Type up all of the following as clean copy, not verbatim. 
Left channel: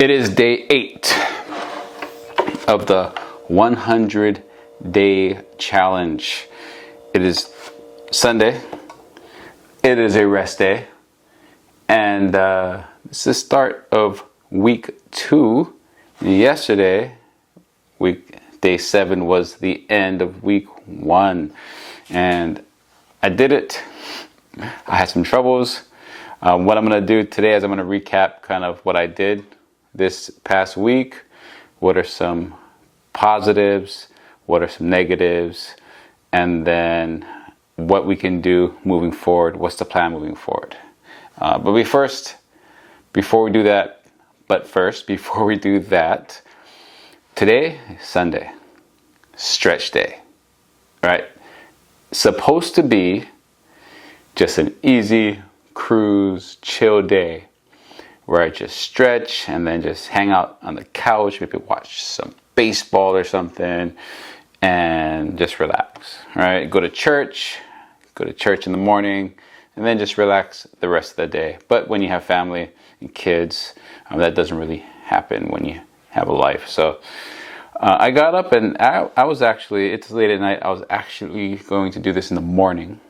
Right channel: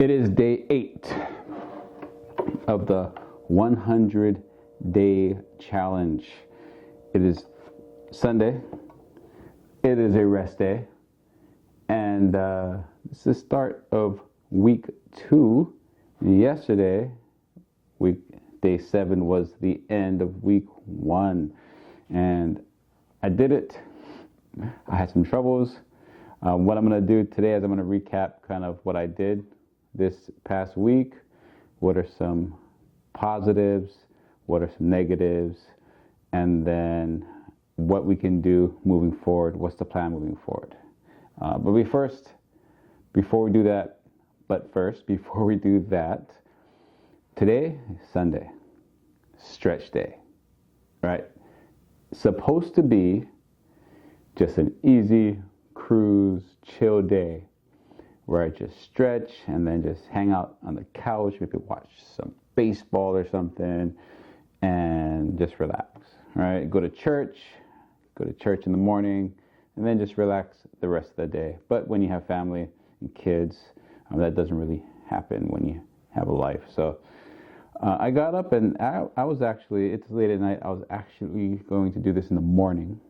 It is day 8 of the 100-day challenge. It is Sunday. It is a rest day. And it's the start of week 2. Yesterday, day 7 was the end of week 1. And I did it. I had some troubles. What I'm going to do today is I'm going to recap kind of what I did this past week. What are some positives? What are some negatives? And then what we can do moving forward. What's the plan moving forward? Before we do that, today is Sunday, stretch day, right? Supposed to be just an easy cruise, chill day where I just stretch and then just hang out on the couch, maybe watch some baseball or something and just relax, right? Go to church in the morning and then just relax the rest of the day. But when you have family and kids, that doesn't really happen when you have a life. So I got up and I was actually, it's late at night, I was actually going to do this in the morning.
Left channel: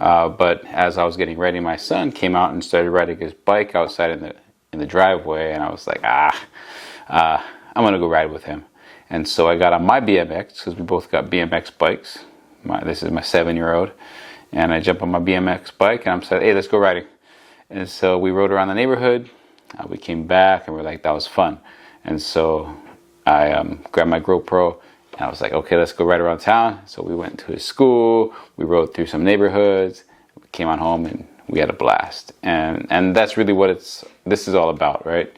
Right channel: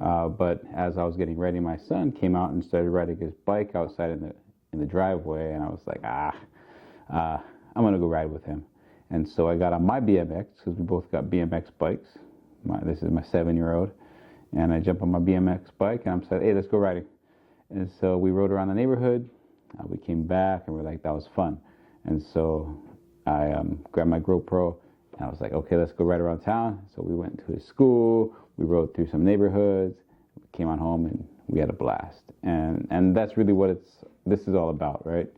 But as I was getting ready, my son came out and started riding his bike outside in the driveway, and I was like, I'm gonna go ride with him. And so I got on my BMX, because we both got BMX bikes. This is my 7-year-old, and I jumped on my BMX bike, and I'm saying, hey, let's go riding. And so we rode around the neighborhood. We came back, and we're like, that was fun. And so I grabbed my GoPro. And I was like, okay, let's go right around town. So we went to his school, we rode through some neighborhoods, we came on home and we had a blast. And that's really what this is all about, right?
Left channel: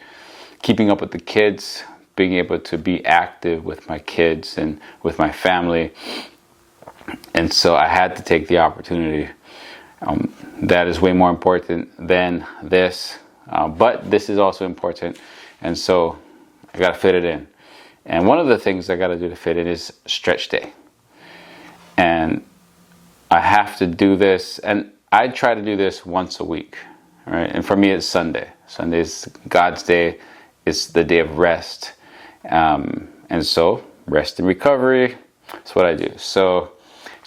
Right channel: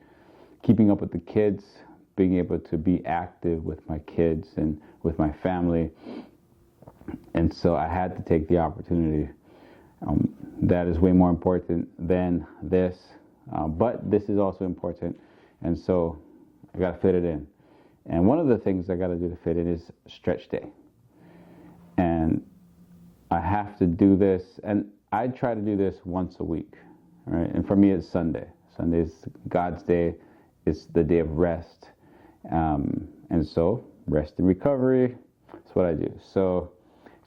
Keeping up with the kids, being able to be active with my kids and with my family. And so I had to take the opportunity. That is way more important than this, but this is also important. And so I got to fit it in. And one of the things I got to do to fit in is stretch day. And I have to do this, and I try to do this once a week, right? And for me, it's Sunday. Sunday is God's day. It's the day of rest. And so rest and recovery, that's what I do. So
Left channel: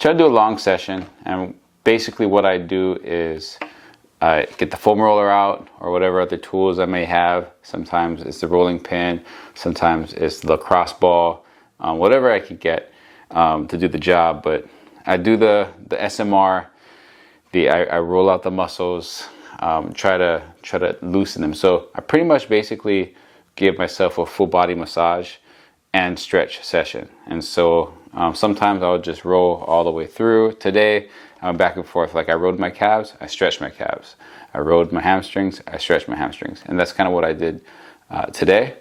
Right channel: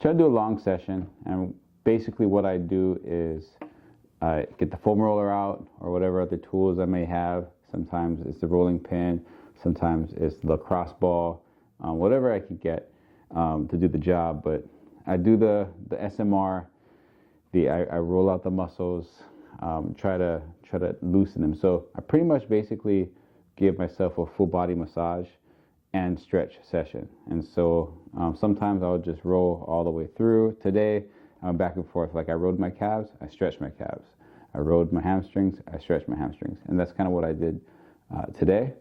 try to do a long session. And basically what I do is I get the foam roller out or whatever other tools I may have. Sometimes it's the rolling pin. Sometimes it's the lacrosse ball. Whatever I could get to do the job. But I do the SMR. I roll out the muscles. Try to loosen them. So I pretty much basically give myself a full body massage and stretch session. And so sometimes I'll just roll all the way through. Today, I'm back and forth. Like I rode my calves, I stretched my calves. I rode my hamstrings, I stretched my hamstrings. And that's kind of what I did today.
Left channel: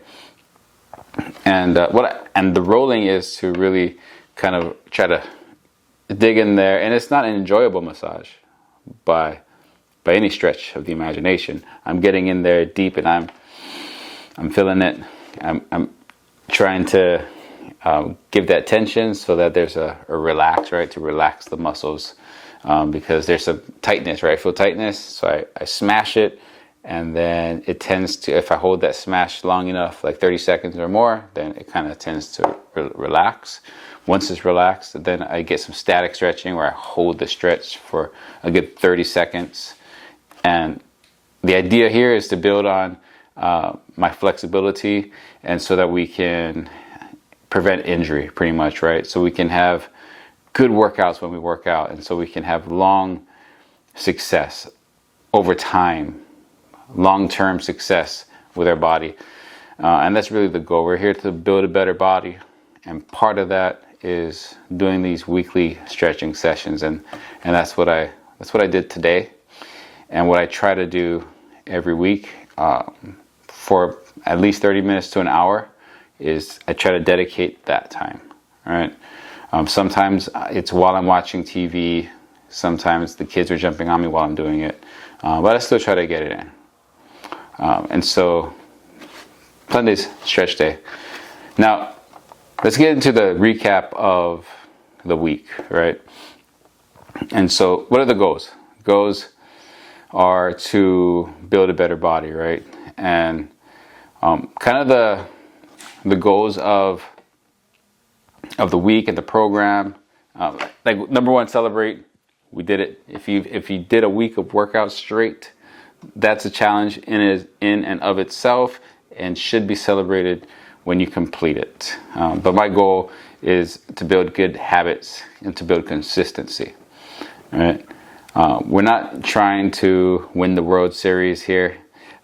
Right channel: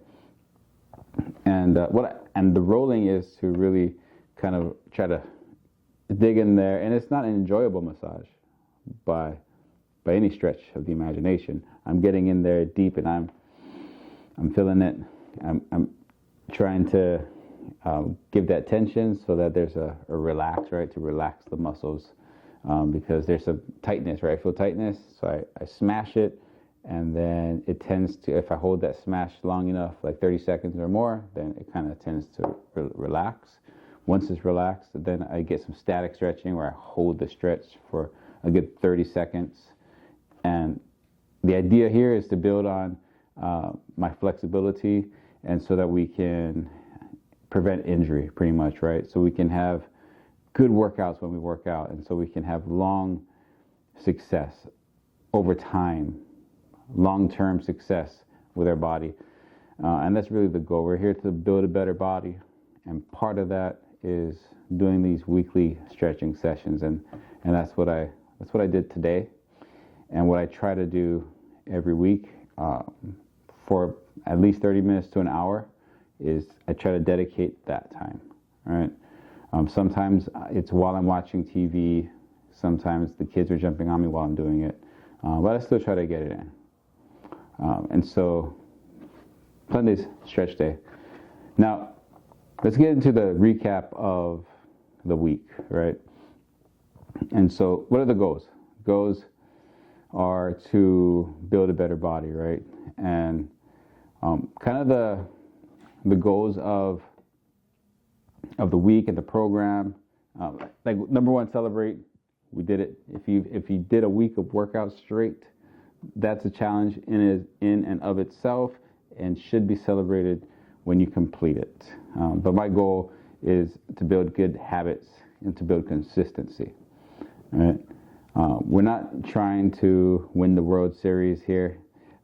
And the rolling is to really kind of try to dig in there. And it's not an enjoyable massage by any stretch of the imagination. I'm getting in there deep and I'm feeling it. I'm trying to give that tension so that there's a relax, right? To relax the muscles. Because there's some tightness, right? I feel tightness, so I smash it, and then it tends to, if I hold that smash long enough, like 30 seconds or more, then it kind of tends to relax. Once it's relaxed, then I get some static stretching where I hold the stretch for a good 30 seconds. And the idea here is to build on my flexibility, and so that we can prevent injury pretty much, right? So we can have good workouts when we work out, and so we can have long success over time, long-term success with our body. And that's really the goal. We're here to build a better body, and part of that is doing these weekly stretching sessions, and that's what I did today, and what I try to do every week for at least 30 minutes to an hour is I try to dedicate that time, all right? Sometimes it's while I'm watching TV. Sometimes the kids are jumping on me while I'm doing it. But I still try to get it in. And so Sunday's stretch day. Now, let's get into the recap of the week, right? And so what are the goals? Goals are to build a better body, right? And Kind of the goals of the week and the program. Like number one, celebrate. We did it. If you did a week of workouts straight, that's a challenge in and of itself, and should be celebrated when you complete it. But my goal is to build good habits and to build consistency. All right. We're not trying to win the World Series here,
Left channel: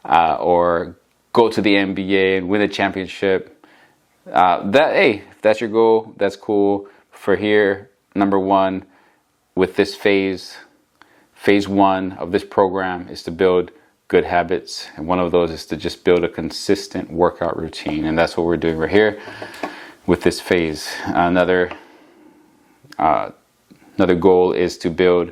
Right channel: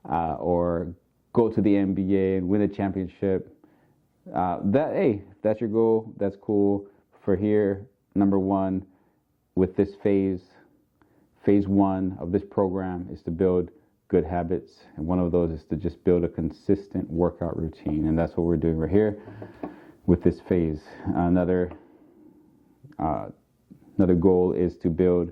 or go to the NBA and win a championship. If that's your goal, that's cool. For here, number one, with this phase one of this program is to build good habits, and one of those is to just build a consistent workout routine, and that's what we're doing right here with this phase. Another goal is to build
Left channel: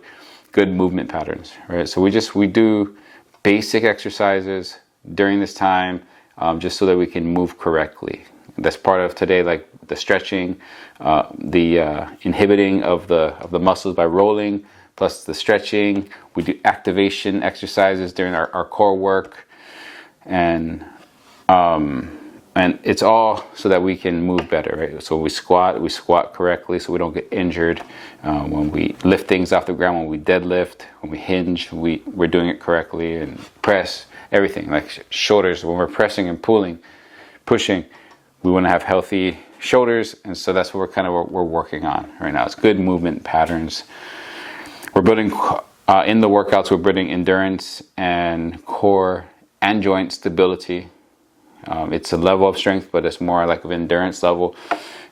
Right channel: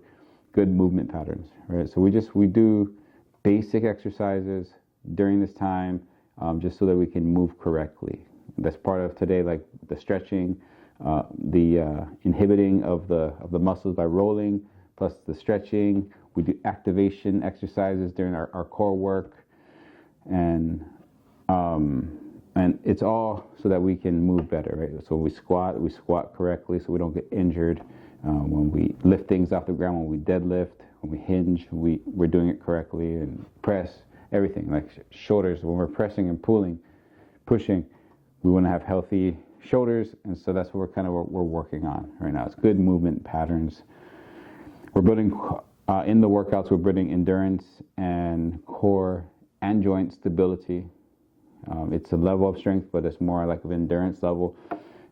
good movement patterns, right? So we do basic exercises during this time, just so that we can move correctly. That's part of today, like the stretching, the inhibiting of the muscles by rolling, plus the stretching. We do activation exercises during our core work, and it's all so that we can move better, right? So we squat correctly so we don't get injured. When we lift things off the ground, when we deadlift, when we hinge, we're doing it correctly, and press, everything, like shoulders, when we're pressing and pushing, we want to have healthy shoulders, and so that's what we're working on right now. It's good movement patterns. We're building in the workouts. We're building endurance and core and joint stability. It's a level of strength, but it's more like an endurance level.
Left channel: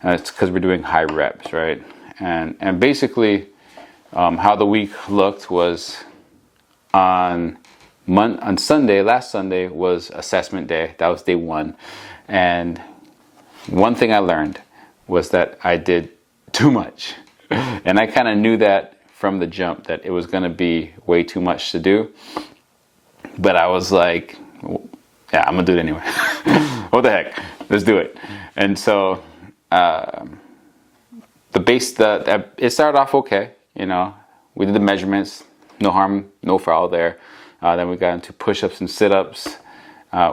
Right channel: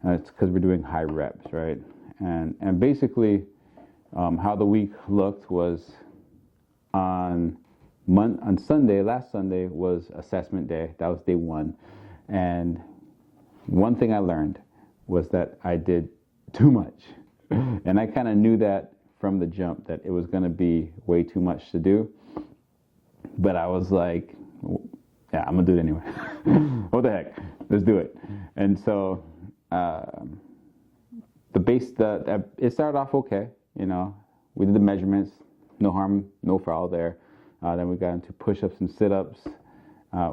It's because we're doing high reps, right? And basically, how the week looked was on Sunday. Last Sunday was assessment day. That was day one, and one thing I learned was that I did too much. And I kind of knew that from the jump, that it was going to be way too much to do. But I was like, yeah, I'm going to do it anyway. What the heck? Let's do it. And so it started off okay. You know, we did the measurements, no harm, no foul there. Then we got into push-ups and sit-ups,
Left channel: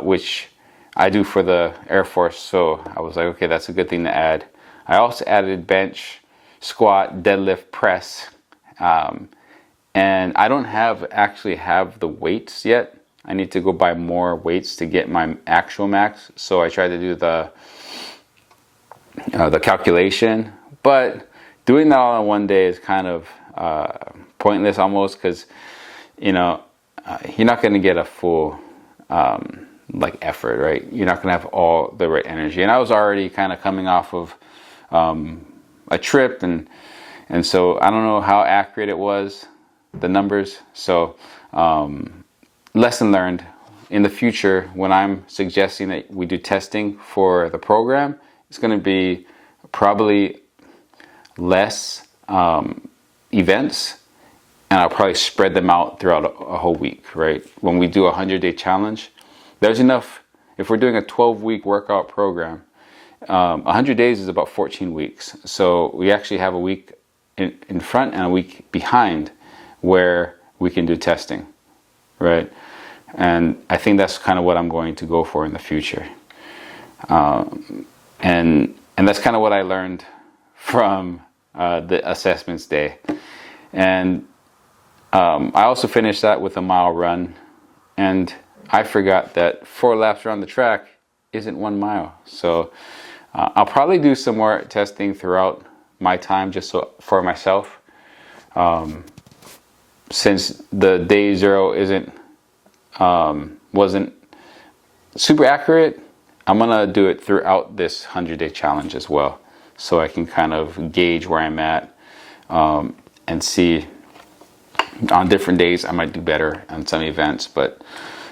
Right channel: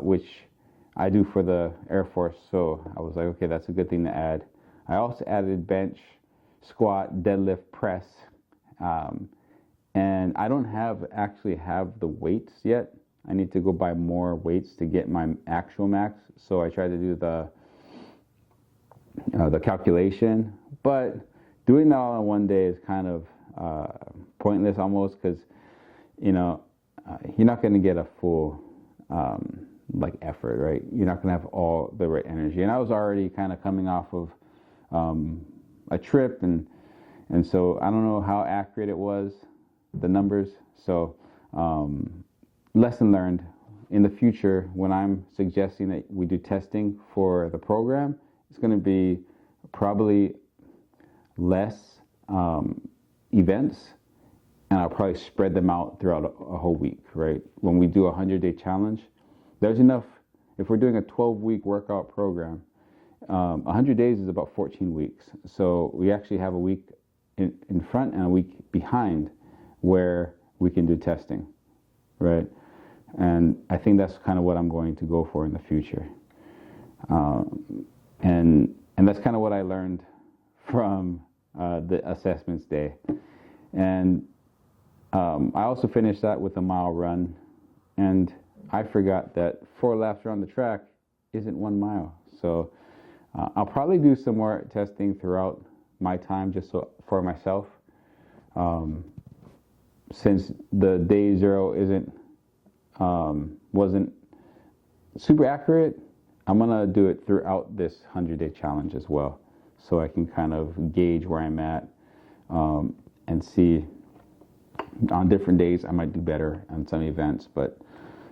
which I do for the Air Force, so I was like, okay, that's a good thing to add. I also added bench, squat, deadlift, press, and I don't actually have the weights yet. I need to go buy more weights to get my actual max. So I tried to do the calculation, but doing that all in one day is kind of pointless almost, because you're not going to get a full effort, right? You're not going to have all the right energy. And I was already kind of coming off of a trip, and so I don't know how accurate it was, the numbers. So lesson learned. In the future, when I'm suggesting that we do testing for the program, it's going to be probably less events, and I'll probably spread them out throughout a whole week, right? When we do a 100-day challenge, there's enough. If we're doing a 12-week workout program, 100 days is about 14 weeks. So we actually have a week in front and a week behind where we can do testing, right? And I think that's kind of what I'm going to go for in the future. And that's kind of what I learned from the assessments day. And I also finished that with a mile run, and I forgot that 4 laps around the track isn't 1 mile. So I'll probably do some more testing throughout my time, just for myself. Since the day 0 wasn't super accurate, I'm gonna do it throughout this 100-day challenge as well, so I can kind of gauge where I'm at, and see on different days I might do better on some events. But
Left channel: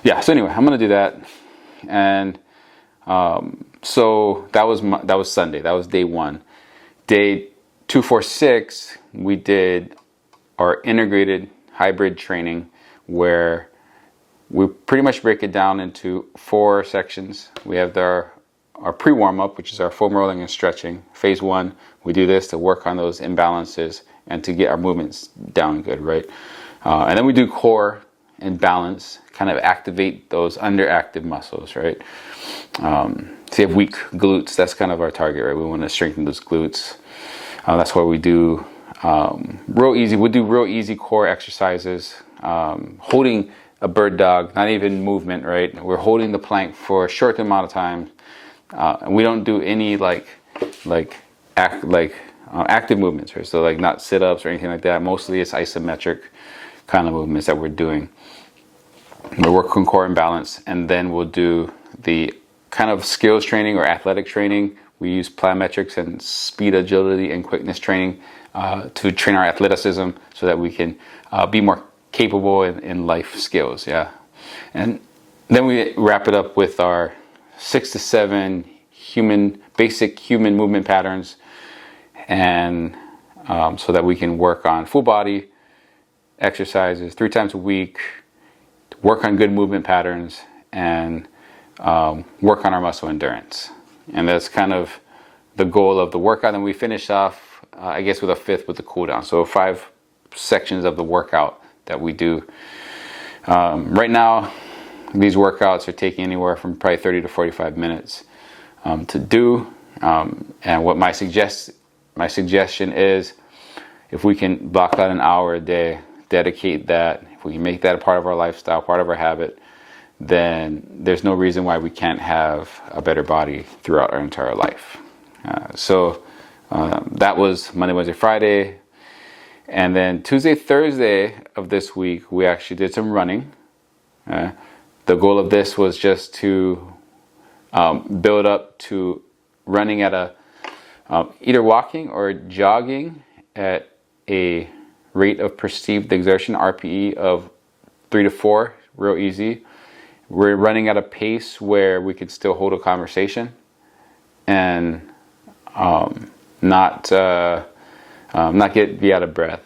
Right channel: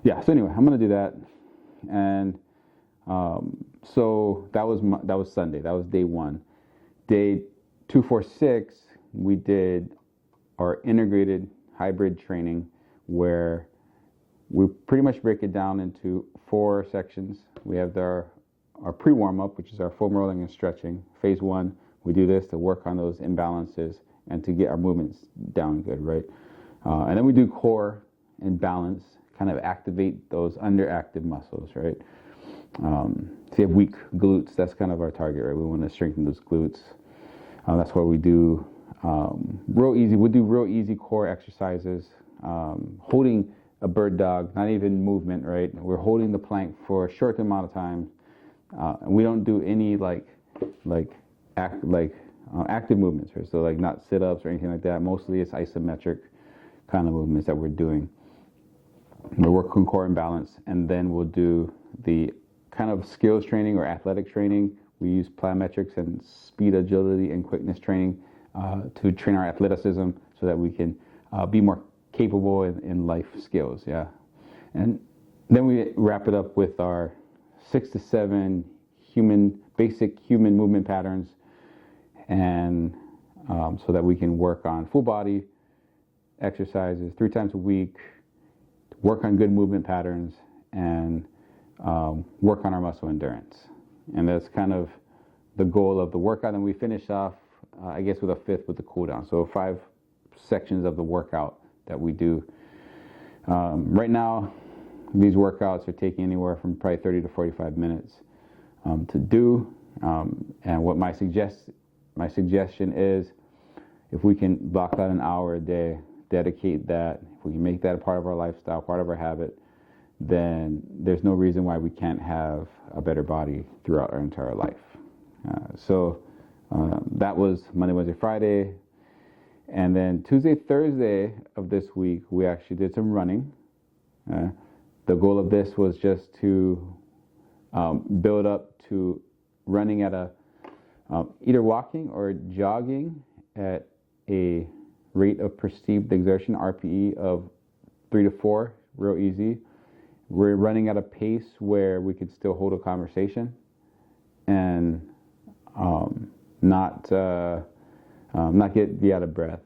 yeah, so anyway, I'm gonna do that. And so that was Sunday. That was day 1. Day 2, 4, 6, we did our integrated hybrid training, where we pretty much break it down into 4 sections. We have our pre-warm-up, which is our foam rolling and stretching. Phase 1, we do this to work on those imbalances and to get our movements down good, right? And then we do core and balance, kind of activate those underactive muscles, right? So you have weak glutes, that's kind of our target, right? We want to strengthen those glutes. That's why we do real easy core exercises, holding a bird dog, not even movement, right? We're holding the plank for a short amount of time. And we don't do any active movements, right? So like not sit-ups or anything like that. Mostly it's isometric kind of movements that we're doing. We'll work on core and balance, and then we'll do the kind of skills training or athletic training. We use plyometrics and speed, agility, and quickness training to train our athleticism so that we can be more capable in life skills, yeah. And then we wrap it up with our 6 to 7 basic human movement patterns, and so that we can work on full body exercises 3 times a week, work on good movement patterns, and work on our muscle endurance. And that's kind of the goal of the workout. And we finish off, I guess, with a 5th with the cool down. So 5 sections of the workout that we do. Right now, these workouts are taking anywhere from probably 30 to 45 minutes to do. And what my suggestion is, if we can block out an hour a day, dedicate that, if we can make that a part of our lifestyle, part of our habit, then there's no reason why we can't have a better body throughout our entire life. So that was Monday, Wednesday, Friday. And then Tuesday, Thursday of this week, we actually did some running. The goal of this was just to build up to running at either walking or jogging at a rate of perceived exertion, RPE, of 3 to 4, real easy. We're running at a pace where we could still hold a conversation and not be out of breath.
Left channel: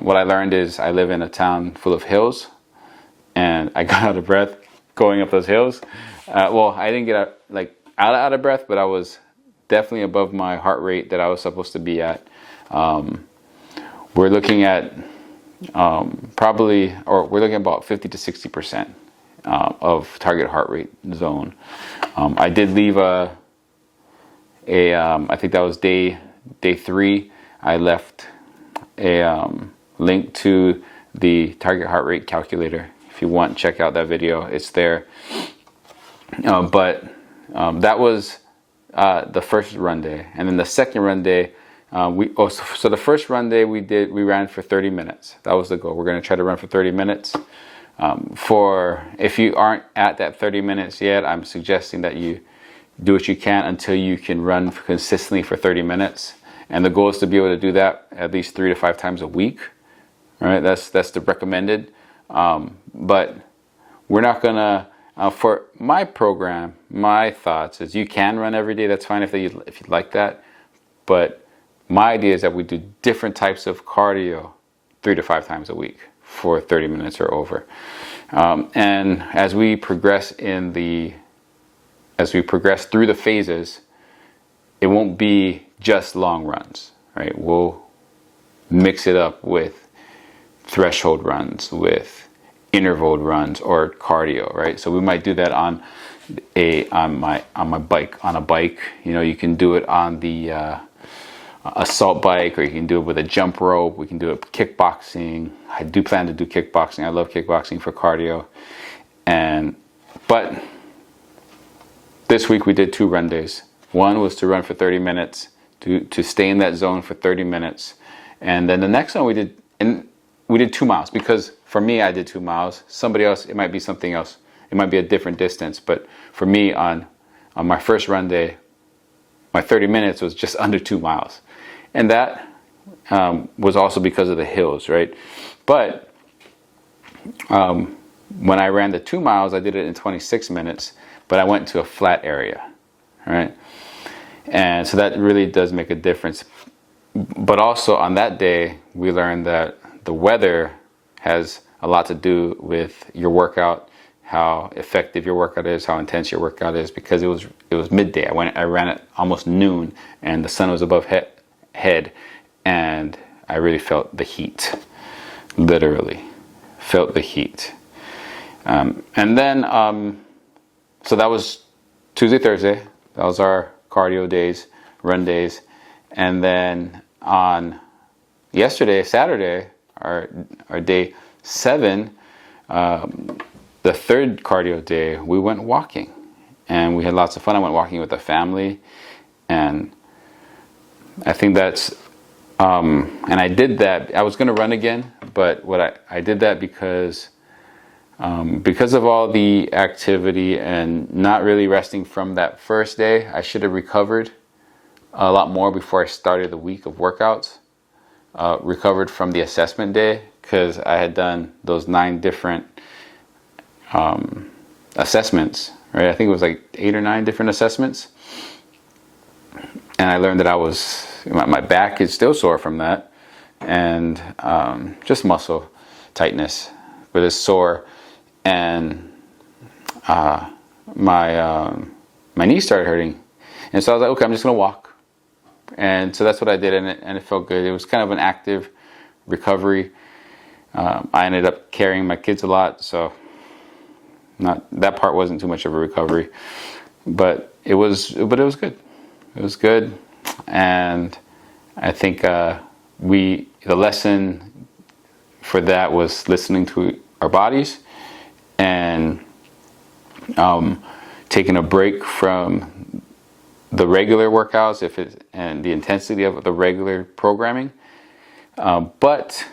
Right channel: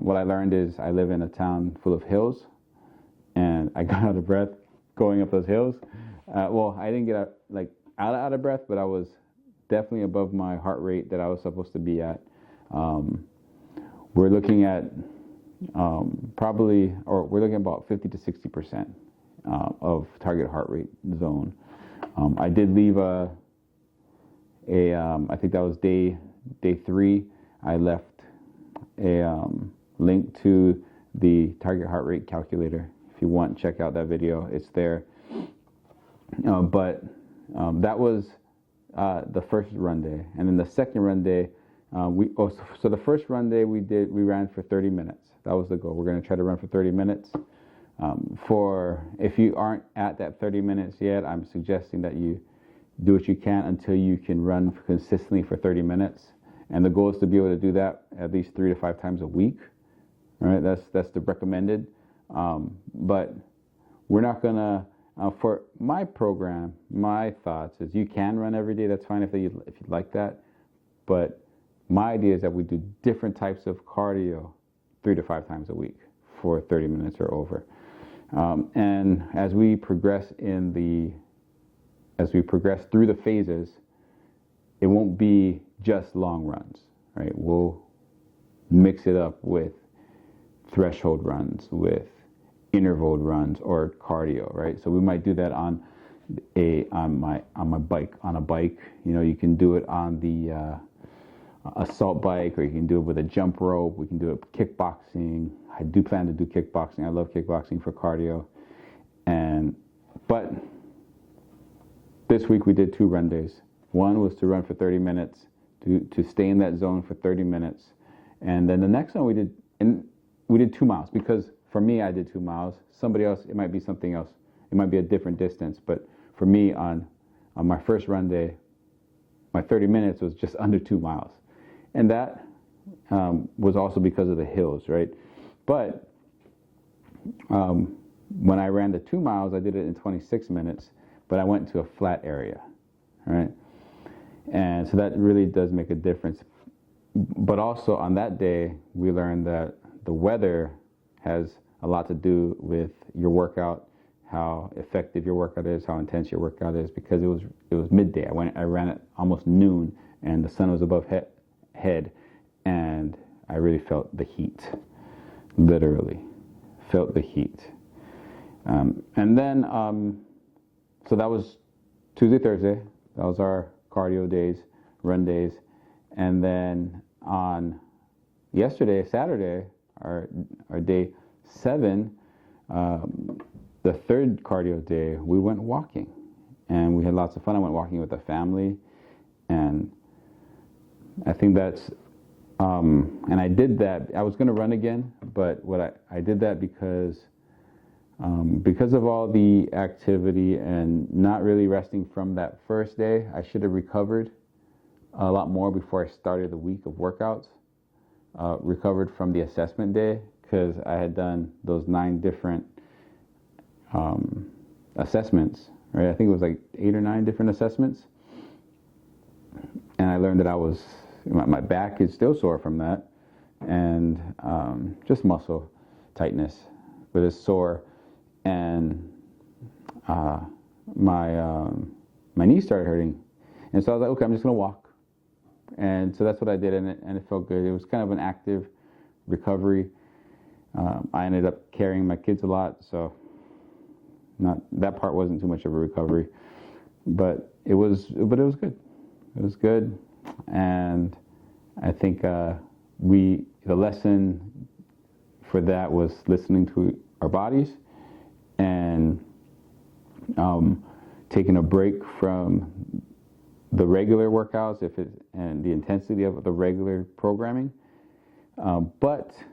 What I learned is I live in a town full of hills, and I got out of breath going up those hills. Well, I didn't get out of breath, but I was definitely above my heart rate that I was supposed to be at. We're looking at we're looking at about 50 to 60% of target heart rate zone. I did leave I think that was day 3. I left a link to the target heart rate calculator. If you want, check out that video. It's there. But that was the first run day, and then the second run day, so the first run day we ran for 30 minutes. That was the goal. We're going to try to run for 30 minutes. If you aren't at that 30 minutes yet, I'm suggesting that you do what you can until you can run consistently for 30 minutes. And the goal is to be able to do that at least 3 to 5 times a week. All right, that's the recommended. But we're not gonna. For my program, my thoughts is you can run every day. That's fine if you like that. But my idea is that we do different types of cardio 3 to 5 times a week for 30 minutes or over. And as we progress through the phases, it won't be just long runs, right? We'll mix it up with threshold runs, with interval runs, or cardio, right? So we might do that on a bike. You know, you can do it on the assault bike, or you can do it with a jump rope. We can do it kickboxing. I do plan to do kickboxing. I love kickboxing for cardio. But this week we did 2 run days. One was to run for 30 minutes, to stay in that zone for 30 minutes. And then the next one we did 2 miles, because for me, I did 2 miles. Somebody else, it might be something else. It might be a different distance. But for me, on my first run day, my 30 minutes was just under 2 miles. And that was also because of the hills, right? But when I ran the 2 miles, I did it in 26 minutes, but I went to a flat area, right? And so that really does make a difference. But also on that day, we learned that the weather has a lot to do with your workout, how effective your workout is, how intense your workout is, because it was midday. I ran at almost noon, and the sun was above head, and I really felt the heat, literally felt the heat. And then, so that was Tuesday, Thursday. That was our cardio days, run days. And then on yesterday, Saturday, our day 7, the third cardio day, we went walking. And we had lots of fun. I went walking with the family. And I think that's, and I did that. I was going to run again, but I did that because of all the activity and not really resting from that first day. I should have recovered a lot more before I started the week of workouts. Recovered from the assessment day because I had done those 9 different assessments, right? I think it was like 8 or 9 different assessments. And I learned that my back is still sore from that. And just muscle tightness, but it's sore. And my knee started hurting. And so I was like, okay, I'm just going to walk. And so that's what I did, and it felt good. It was kind of an active recovery. I ended up carrying my kids a lot, so that part wasn't too much of a recovery. But it was good. It was good, and I think the lesson for that was listening to our bodies and taking a break from the regular workouts and the intensity of the regular programming, but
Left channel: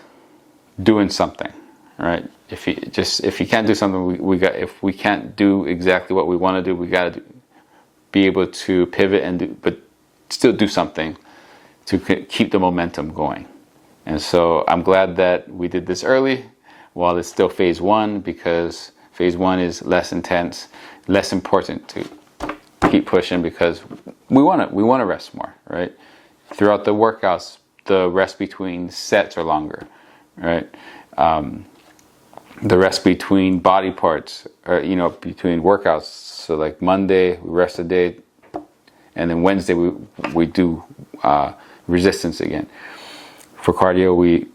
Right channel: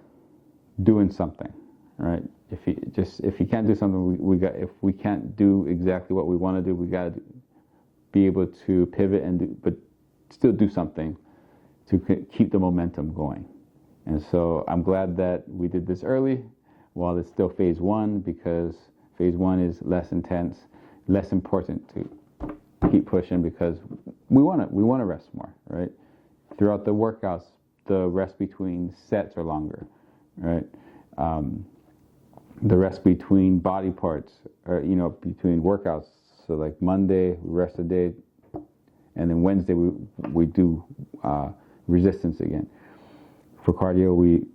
doing something, right? If you can't do something, if we can't do exactly what we want to do, we got to be able to pivot but still do something to keep the momentum going. And so I'm glad that we did this early while it's still phase 1, because phase 1 is less intense, less important to keep pushing, because we want to rest more, right? Throughout the workouts, the rest between sets are longer, right? The rest between body parts, or between workouts. So like Monday we rest a day, and then Wednesday we do resistance again. For cardio, we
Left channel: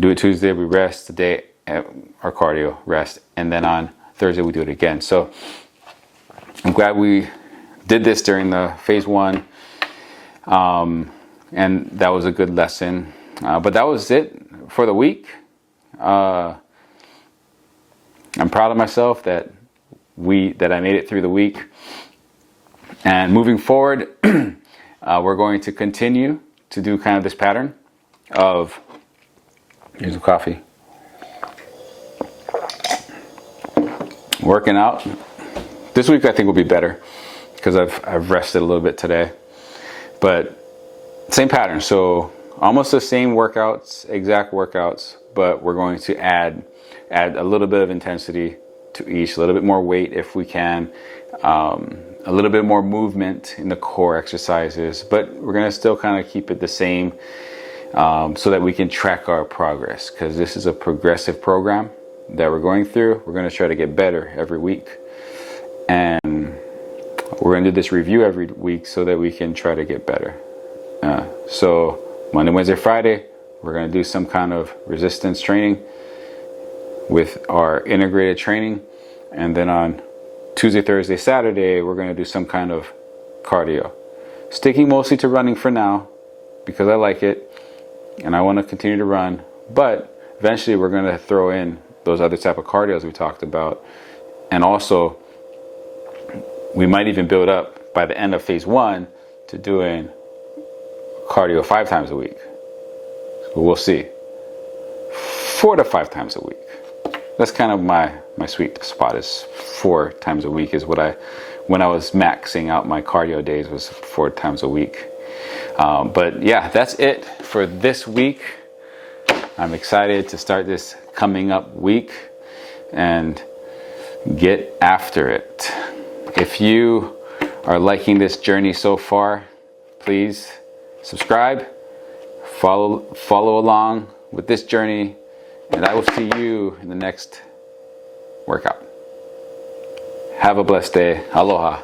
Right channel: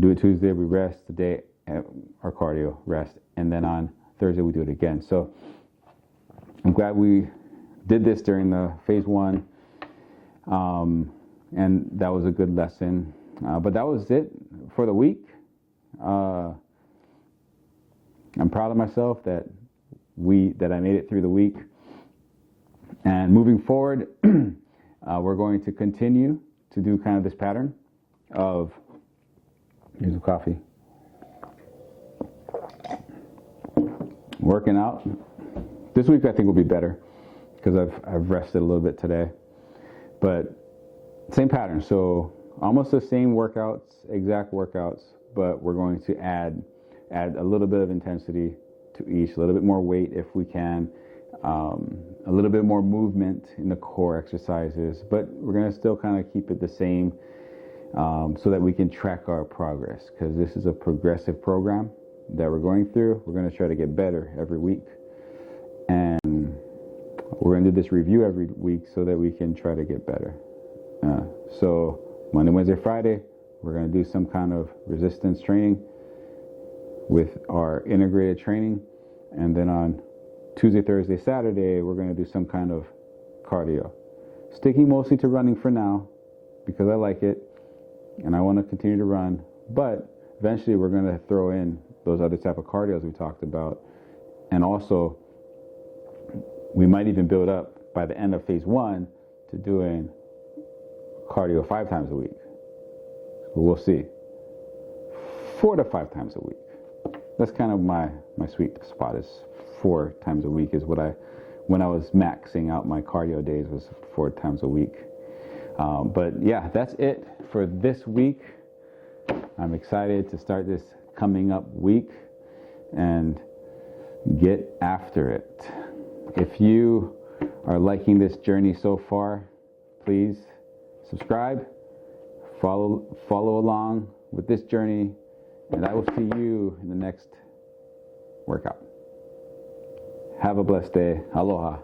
do it Tuesday, we rest the day, our cardio rest, and then on Thursday we do it again. So I'm glad we did this during the phase 1, and that was a good lesson. But that was it for the week. I'm proud of myself that I made it through the week. And moving forward, we're going to continue to do kind of this pattern of, here's the coffee, working out. This week I think will be better because I've rested a little bit today, but same pattern. So almost the same workouts, exact workouts, but we're going to add a little bit of intensity to each, a little bit more weight if we can, a little bit more movement in the core exercises, but we're going to still kind of keep it the same, so that we can track our progress, because this is a progressive program that we're going through. We're going to try to get better every week, and we're going to do this review every week so that we can try to get better. So Monday, Wednesday, Friday, we're going to do some kind of resistance training with our integrated training. And then on Tuesday, Thursday, Saturday, we're going to do some kind of cardio. Sticking mostly to running for now because I like it and I want to continue to run. But eventually we're going to throw in those other type of cardios we talked about. And also, we might even build up by the end of phase 1 to doing cardio 5 times a week. So we'll see. 4 to 5 times a week. That's kind of my sweet spot, is 4 times a week is when I was maxing out my cardio days, was 4 times a week. But yeah, that's it for this week. I'm excited to start this coming up week and get after it. If you are liking this journey so far, please subscribe, follow along with this journey, and I will see you in the next workout. Have a blessed day. Aloha.